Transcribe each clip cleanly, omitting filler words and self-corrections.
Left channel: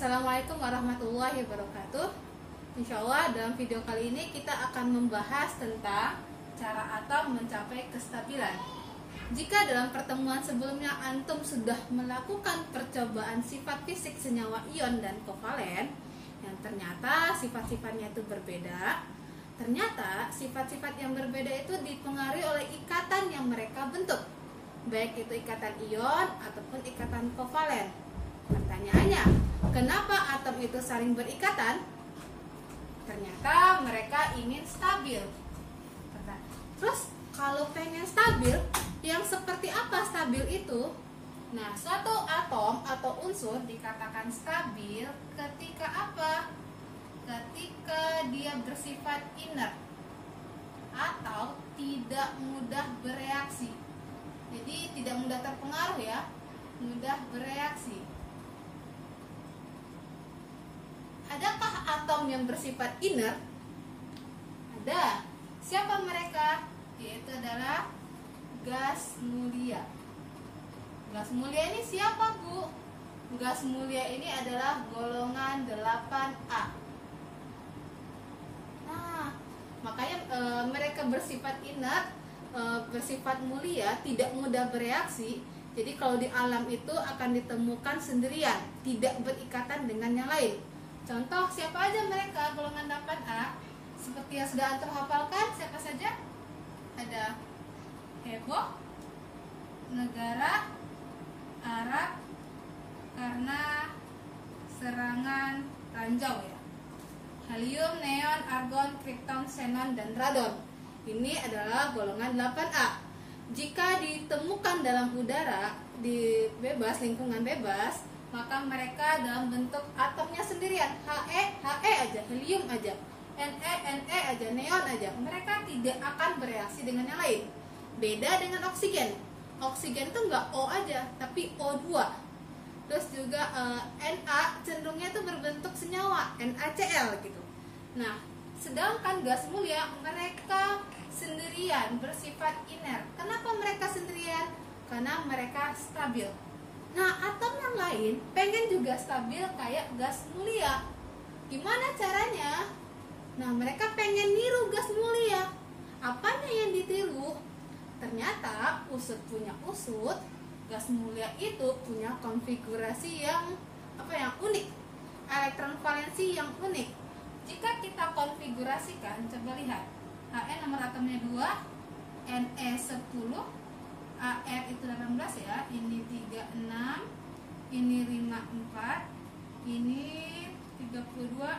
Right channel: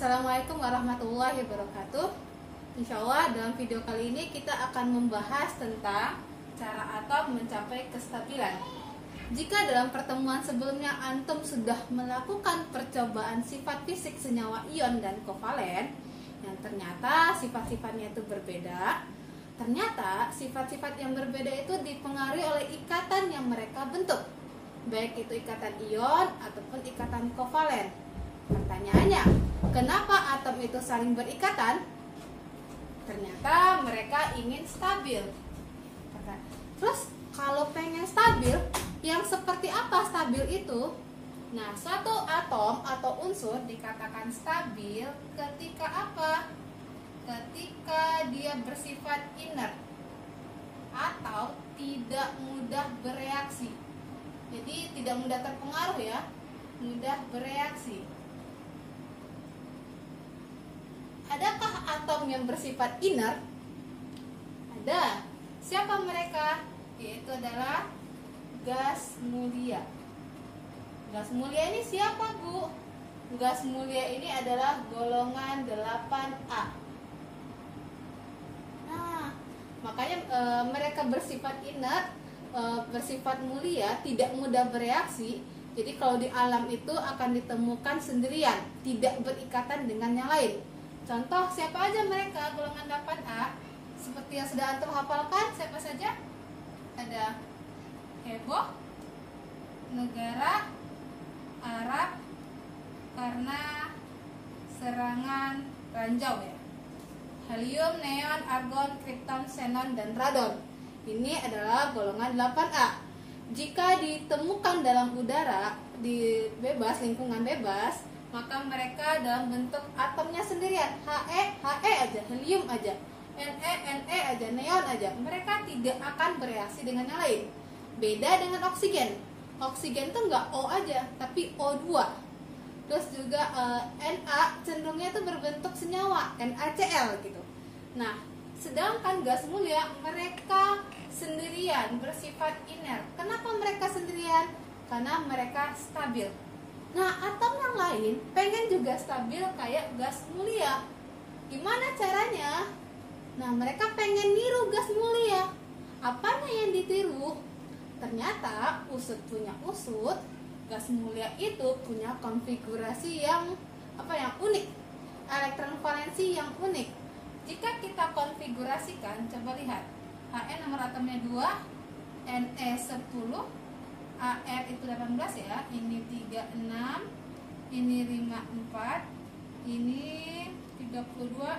Assalamualaikum warahmatullahi wabarakatuh. Insya Allah dalam video kali ini kita akan membahas tentang cara atom mencapai kestabilan. Jika dalam pertemuan sebelumnya antum sudah melakukan percobaan sifat fisik senyawa ion dan kovalen yang ternyata sifat-sifatnya itu berbeda, ternyata sifat-sifat yang berbeda itu dipengaruhi oleh ikatan yang mereka bentuk, baik itu ikatan ion ataupun ikatan kovalen. Pertanyaannya, kenapa atom itu saling berikatan? Ternyata mereka ingin stabil. Terus kalau pengen stabil, yang seperti apa stabil itu? Nah, suatu atom atau unsur dikatakan stabil ketika apa? Ketika dia bersifat inert atau tidak mudah bereaksi. Jadi tidak mudah terpengaruh ya, mudah bereaksi. Adakah atom yang bersifat inert? Ada. Siapa mereka? Yaitu adalah gas mulia. Gas mulia ini siapa, Bu? Gas mulia ini adalah golongan 8A. Nah, makanya mereka bersifat inert, bersifat mulia, tidak mudah bereaksi. Jadi kalau di alam itu akan ditemukan sendirian, tidak berikatan dengan yang lain. Contoh, siapa aja mereka golongan 8A? Seperti yang sudah antum hafalkan, siapa saja? Ada heboh, negara, Arab, karena serangan ranjau ya. Helium, neon, argon, krypton, xenon, dan radon. Ini adalah golongan 8A. Jika ditemukan dalam udara di bebas, lingkungan bebas, maka mereka dalam bentuk atomnya sendirian, He aja, helium aja, Ne aja, neon aja. Mereka tidak akan bereaksi dengan yang lain. Beda dengan oksigen. Oksigen itu enggak O aja, tapi O2. Terus juga Na cenderungnya itu berbentuk senyawa, NaCl gitu. Nah, sedangkan gas mulia mereka sendirian, bersifat inert. Kenapa mereka sendirian? Karena mereka stabil. Nah, atom yang lain pengen juga stabil kayak gas mulia. Gimana caranya? Nah, mereka pengen niru gas mulia. Apanya yang ditiru? Ternyata usut punya usut, gas mulia itu punya konfigurasi yang unik, elektron valensi yang unik. Jika kita konfigurasikan, coba lihat. He nomor atomnya 2, Ne 10, Ar itu 18 ya, ini 36, ini 54, ini 32,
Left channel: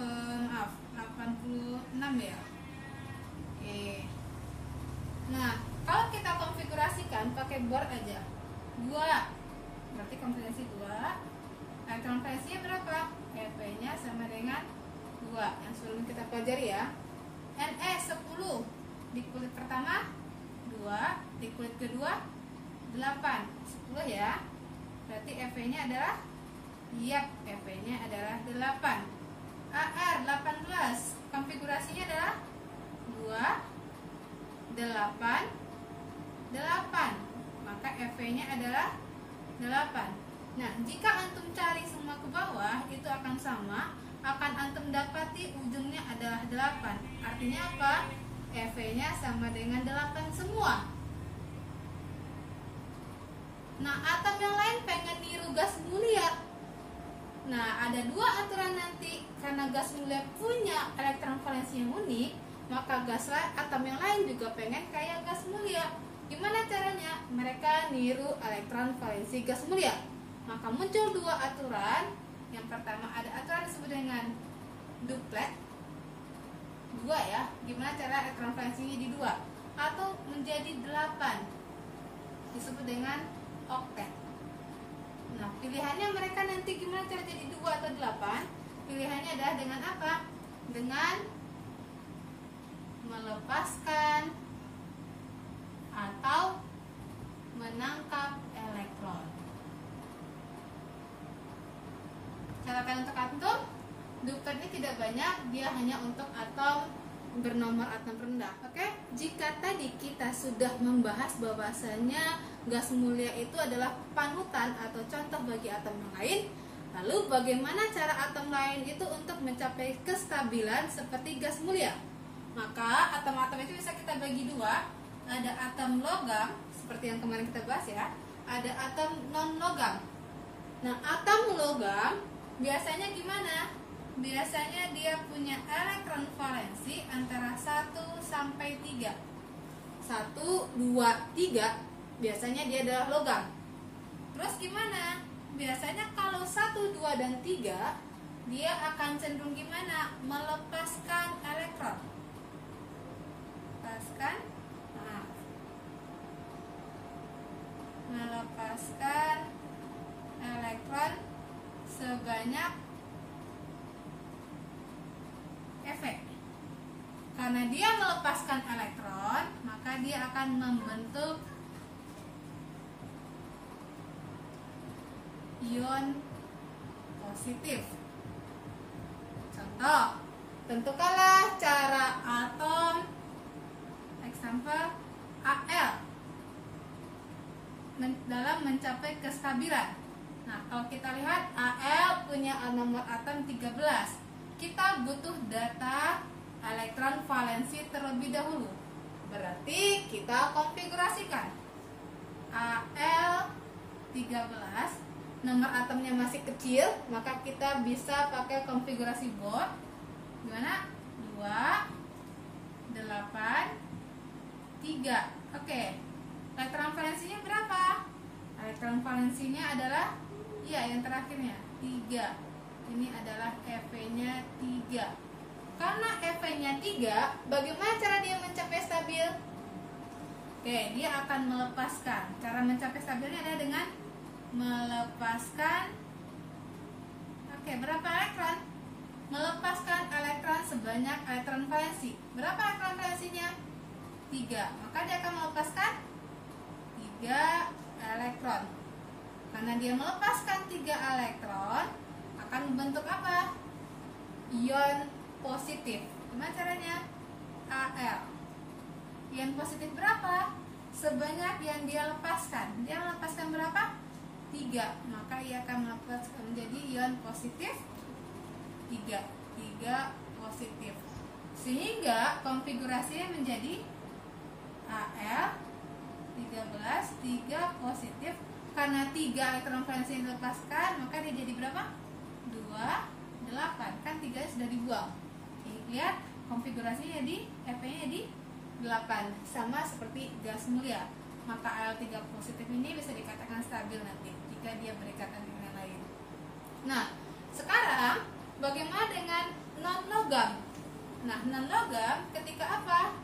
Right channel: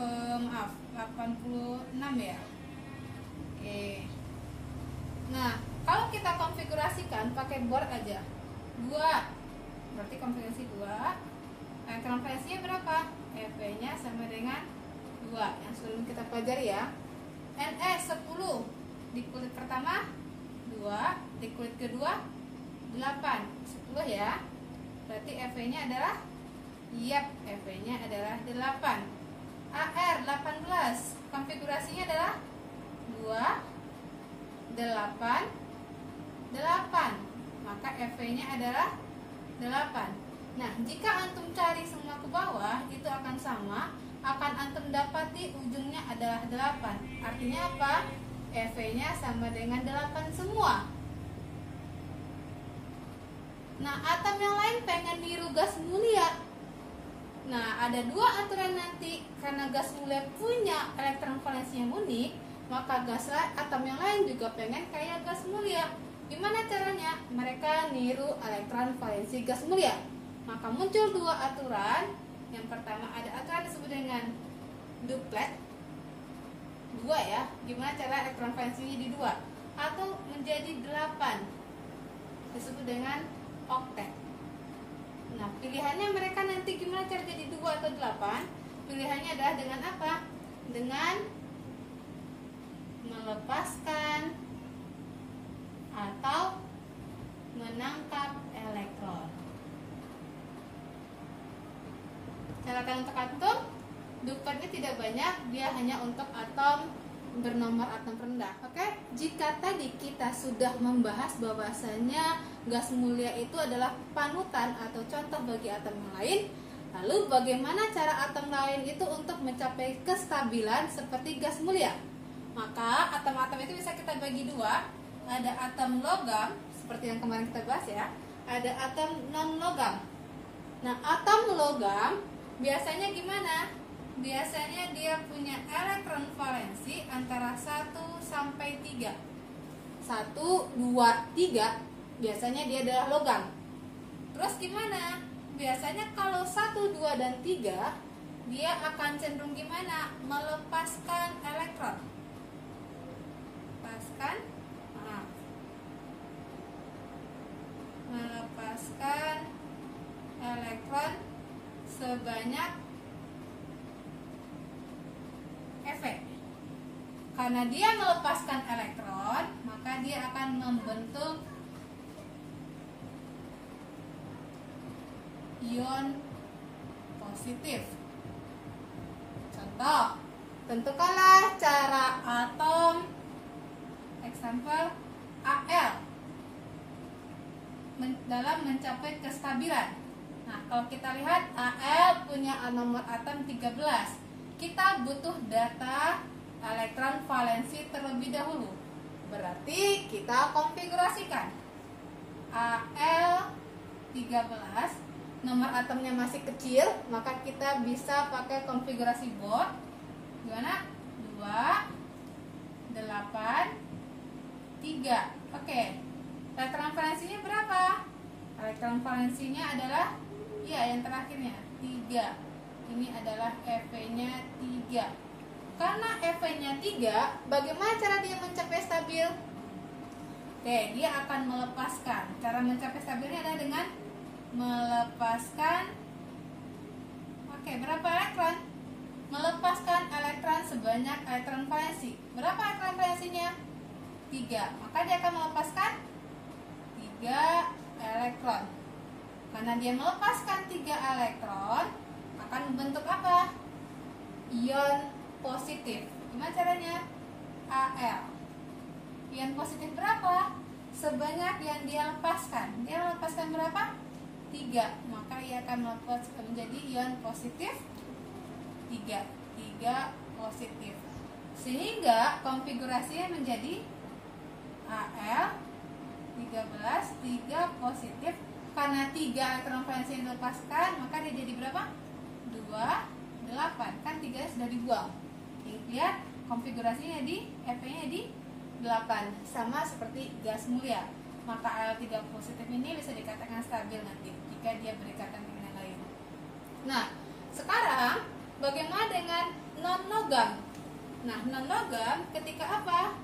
86 ya. Oke. Nah, kalau kita konfigurasikan pakai board aja, 2, berarti konfigurasi 2, elektron valensinya berapa? Ev-nya sama dengan 2, yang sebelum kita pelajari ya. Ne 10, di kulit pertama 2, di kulit kedua 8, 10 ya. Berarti Ev-nya adalah Ev-nya adalah 8. Ar 18, konfigurasinya adalah 2, 8, 8. Maka Ev-nya adalah 8. Nah, jika antum cari semua ke bawah, itu akan sama, akan antum dapati ujungnya adalah 8. Artinya apa? Ev-nya sama dengan 8 semua. Nah, atom yang lain pengen niru gas mulia. Nah, ada dua aturan nanti. Karena gas mulia punya elektron valensi yang unik, maka atom yang lain juga pengen kayak gas mulia. Gimana caranya? Mereka niru elektron valensi gas mulia. Maka muncul dua aturan. Yang pertama ada aturan disebut dengan duplet. 2 ya, gimana cara elektron valensinya di 2 atau menjadi 8, disebut dengan oktet. Nah, pilihannya mereka nanti gimana cara jadi 2 atau 8? Pilihannya adalah dengan apa? Dengan melepaskan atau menangkap elektron. Catatan untuk atom, duplet ini tidak banyak, dia hanya untuk atom bernomor atom rendah. Oke, jika tadi kita sudah membahas bahwasanya gas mulia itu adalah panutan atau contoh bagi atom yang lain, Lalu bagaimana cara atom lain itu untuk mencapai kestabilan seperti gas mulia? Maka atom-atom itu bisa kita bagi dua. Ada atom logam, seperti yang kemarin kita bahas ya. Ada atom non-logam. Nah, atom logam biasanya gimana? Biasanya dia punya elektron valensi antara 1 sampai 3. 1, 2, 3 biasanya dia adalah logam. Terus gimana? Biasanya kalau 1, 2, dan 3 dia akan cenderung gimana? Melepaskan elektron. Melepaskan elektron sebanyak efek. Karena dia melepaskan elektron, maka dia akan membentuk ion positif. Contoh, tentukanlah cara atom example Al dalam mencapai kestabilan. Nah, kalau kita lihat Al punya nomor atom 13. Kita butuh data elektron valensi terlebih dahulu. Berarti kita konfigurasikan Al 13, nomor atomnya masih kecil, maka kita bisa pakai konfigurasi Bohr. Gimana? 2, 8, 3. Oke. Elektron valensinya berapa? Elektron valensinya adalah yang terakhirnya 3. Ini adalah EV-nya 3. Karena EV-nya 3, bagaimana cara dia mencapai stabil? Oke, dia akan melepaskan. Cara mencapai stabilnya adalah dengan melepaskan berapa elektron? Melepaskan elektron sebanyak elektron valensi. Berapa elektron valensinya? 3. Maka dia akan melepaskan 3 elektron. Karena dia melepaskan 3 elektron, akan membentuk apa? Ion positif. Gimana caranya? Al. Ion positif berapa? Sebanyak yang dia lepaskan. Dia melepaskan berapa? 3. Maka ia akan melepaskan menjadi ion positif 3. 3 positif. Sehingga konfigurasinya menjadi Al 13, 3 positif. Karena 3 elektron valensi yang dilepaskan, maka dia jadi berapa? 2, 8. Kan 3 sudah dibuang. Lihat konfigurasinya di F-nya di 8, sama seperti gas mulia. Maka Al3 positif ini bisa dikatakan stabil nanti jika dia berikatan dengan yang lain. Nah, sekarang bagaimana dengan non-logam? Nah, non-logam ketika apa?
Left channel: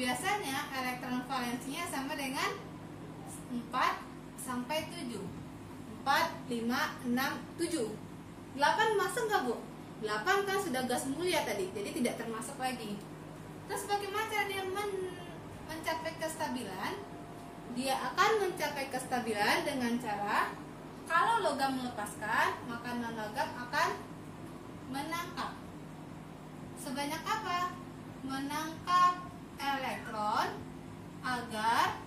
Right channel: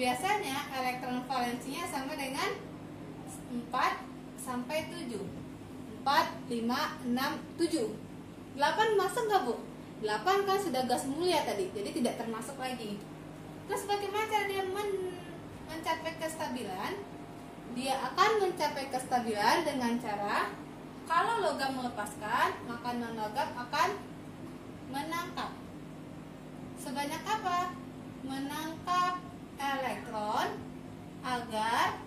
Biasanya elektron valensinya sama dengan 4 sampai 7. 4, 5, 6, 7. 8 masuk nggak, Bu? 8 kan sudah gas mulia tadi, jadi tidak termasuk lagi. Terus bagaimana cara dia mencapai kestabilan? Dia akan mencapai kestabilan dengan cara, kalau logam melepaskan, maka non-logam akan menangkap. Sebanyak apa? Menangkap elektron agar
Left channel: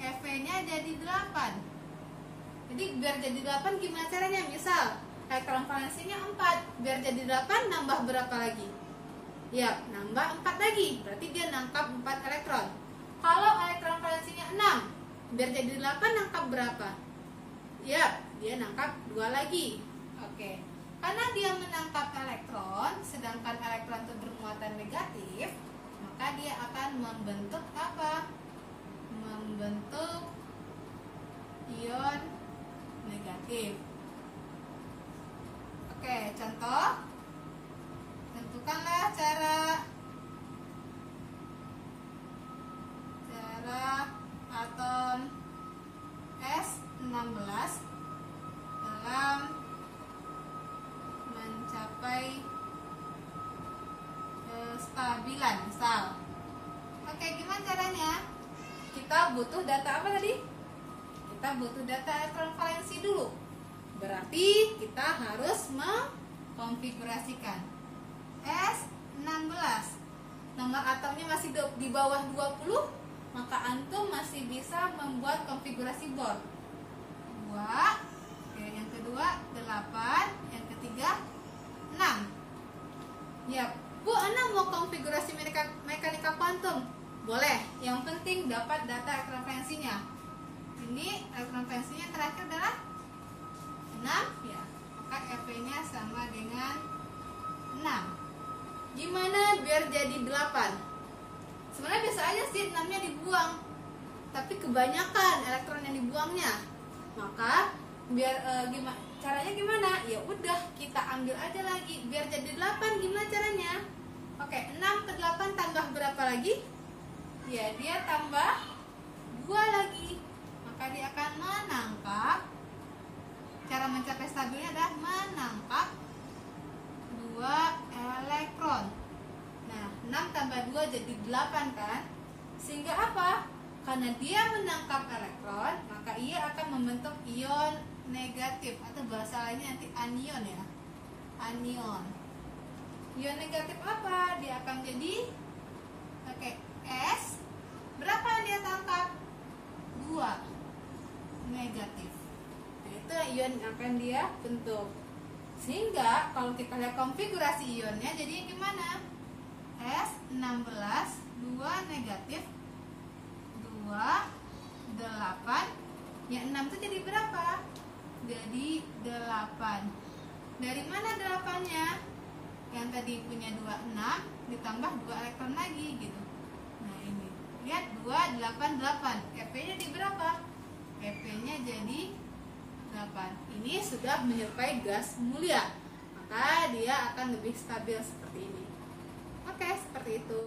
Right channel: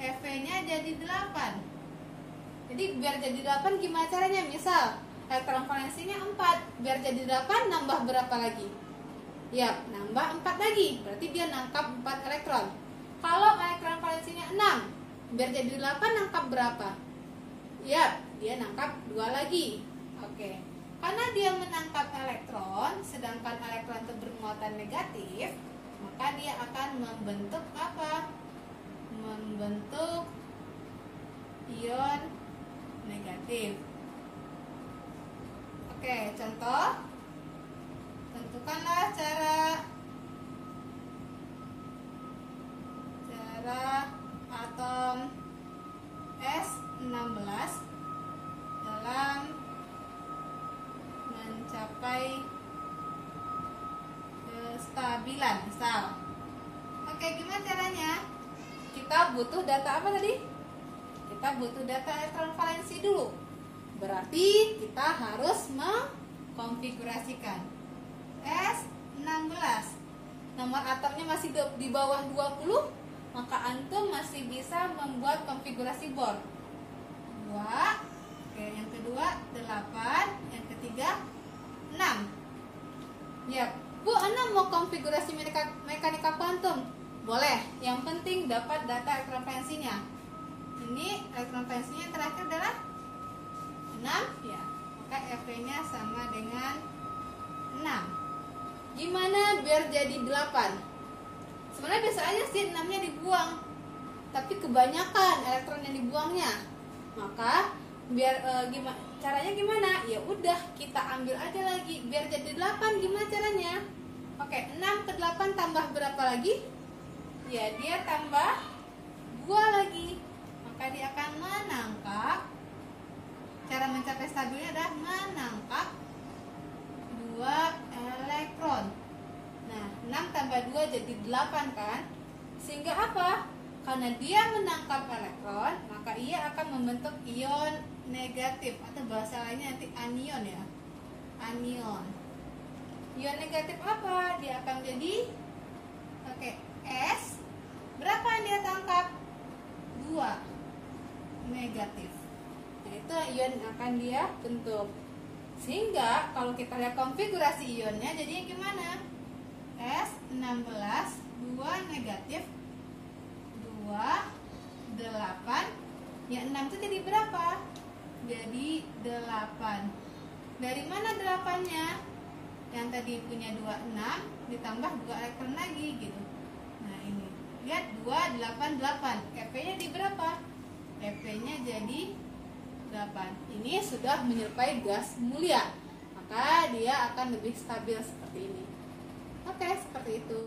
EV-nya jadi 8. Jadi biar jadi 8 gimana caranya? Misal elektron valensinya 4, biar jadi 8 nambah berapa lagi? Ya, nambah 4 lagi. Berarti dia nangkap 4 elektron. Kalau elektron valensinya 6, biar jadi 8 nangkap berapa? Ya, dia nangkap 2 lagi. Oke. Karena dia menangkap elektron, sedangkan elektron itu bermuatan negatif, maka dia akan membentuk apa? Membentuk ion negatif. Oke, contoh. Tentukanlah cara atom S16 dalam mencapai kestabilan, misal. Oke, gimana caranya? Kita butuh data apa tadi? Kita butuh data elektron valensi dulu. Berarti kita harus mengkonfigurasikan S16. Nomor atomnya masih di bawah 20, maka antum masih bisa membuat konfigurasi Bohr. 2, oke, yang kedua mau konfigurasi mekanika kuantum? Boleh, yang penting dapat data elektronferensinya. Ini elektronferensinya terakhir adalah 6 ya, maka EV-nya sama dengan 6. Gimana biar jadi 8? Sebenarnya biasa aja sih 6-nya dibuang, tapi kebanyakan elektron yang dibuangnya. Maka biar caranya gimana? Ya udah, kita ambil aja lagi biar jadi 8. Gimana caranya? Oke, 6 ke 8 tambah berapa lagi? Ya, dia tambah 2 lagi. Maka dia akan menangkap, cara mencapai stabilnya adalah menangkap 2 elektron. Nah, 6 tambah 2 jadi 8 kan? Sehingga apa? Karena dia menangkap elektron, maka ia akan membentuk ion negatif, atau bahasa lainnya nanti anion ya. Anion. Ion negatif apa? Dia akan jadi S. Berapa yang dia tangkap? 2 negatif. Nah, itu ion yang akan dia bentuk. Sehingga kalau kita lihat konfigurasi ionnya, jadi gimana? S16, 2 negatif, 2, 8. Ya, 6 itu jadi berapa? Jadi 8. Dari mana 8-nya? Yang tadi punya 26 ditambah 2 elektron lagi gitu. Nah, ini. Lihat 2, 8, 8. EP-nya di berapa? EP-nya jadi 8. Ini sudah menyerupai gas mulia. Maka dia akan lebih stabil seperti ini. Oke, seperti itu.